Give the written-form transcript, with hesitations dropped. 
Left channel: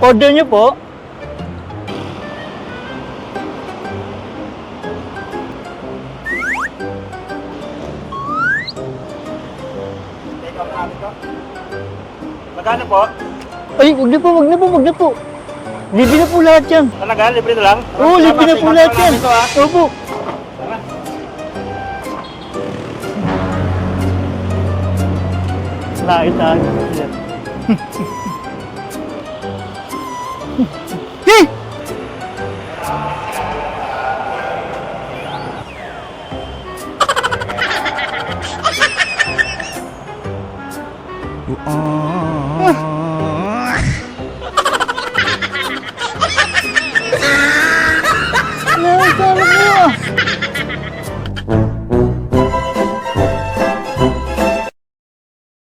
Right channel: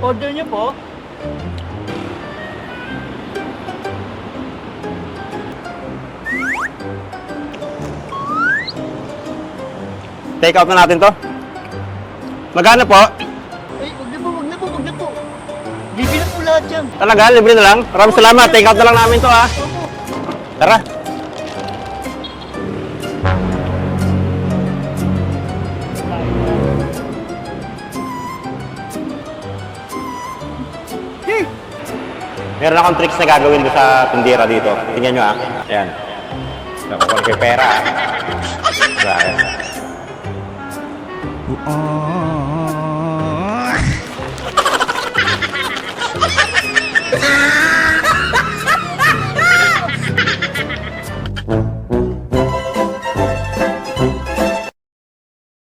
Order niyo po. Take out na natin to. Magkano po? Ay, wag na po, wag na po, wag na po. Libre na po lahat yan. Talaga, libre na lang? Maraming Oo, salamat. libre Take po out na lang lahat namin yan. to, ha? Opo. Tara. Nakita. Meron akong tricks na gagawin doon sa tindera dito. Tingnan nyo, ha? Ayan. Nakapagpapay pera, ha? Ayan.